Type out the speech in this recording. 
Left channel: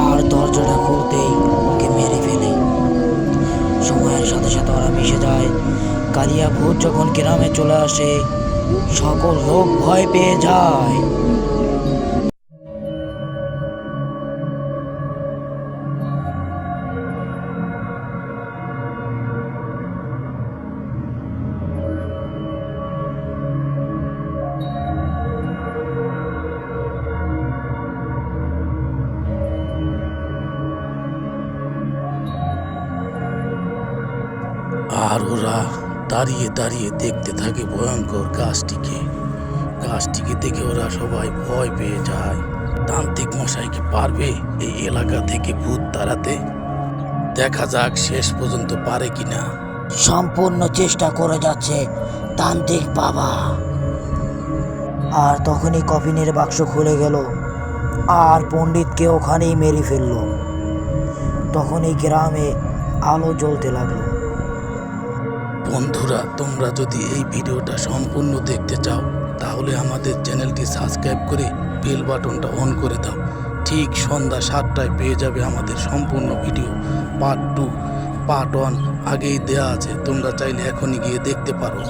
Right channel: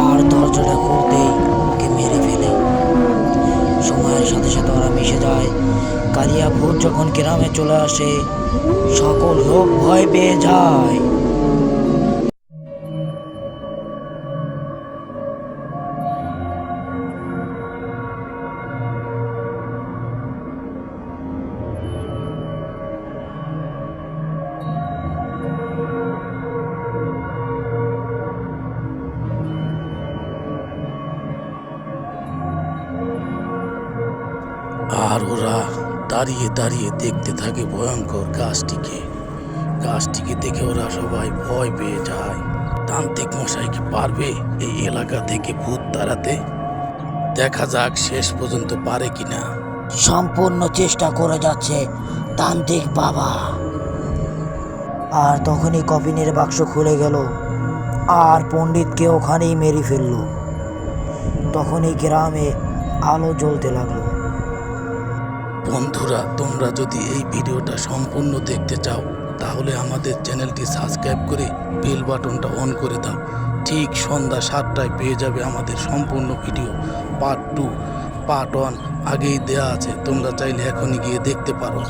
আর দরজাটা খুলতেই ওকে মেরে ফেলে। সময়ের সাথে সাথে ওরা মিশে যায়। কালিয়া ভূত যখন গ্রামে চলে আসে, সকল লোক ভয় পেয়ে যায়। আর ওরা দাঁড়িয়ে দাঁড়িয়ে দেখতে থাকে ভয়ঙ্কর গাছটিকে দেখে ওরা সবাই ভয় পেয়ে যায়। তান্ত্রিক মশাই কি পারবে এই এলাকা থেকে ভূত তাড়াতে? দেখা যাক শেষ পর্যন্ত পারে কিনা। সম্পূর্ণ চেষ্টা করে যাচ্ছে তান্ত্রিক বাবা। আর তখনই কফিনের বাক্স খুলে গেল, আর পণ্ডিতকে ওখানেই মেরে ফেললো। তখনই গ্রামে আলো জ্বলতে লাগলো। বন্ধুরা, তোমরা যদি এই ভিডিওটা সম্পূর্ণ দেখতে চাও তাহলে আমাদের চ্যানেলটি সাবস্ক্রাইব করে বেল বাটনটা অন করে দাও। ঠিক সন্ধ্যা 7টায় পেয়ে যাবে আমাদের সম্পূর্ণ ভিডিও। পার্ট 2, পার্ট 1 আগেই দেয়া আছে, তোমরা চাইলে এখনই গিয়ে দেখতে পারো।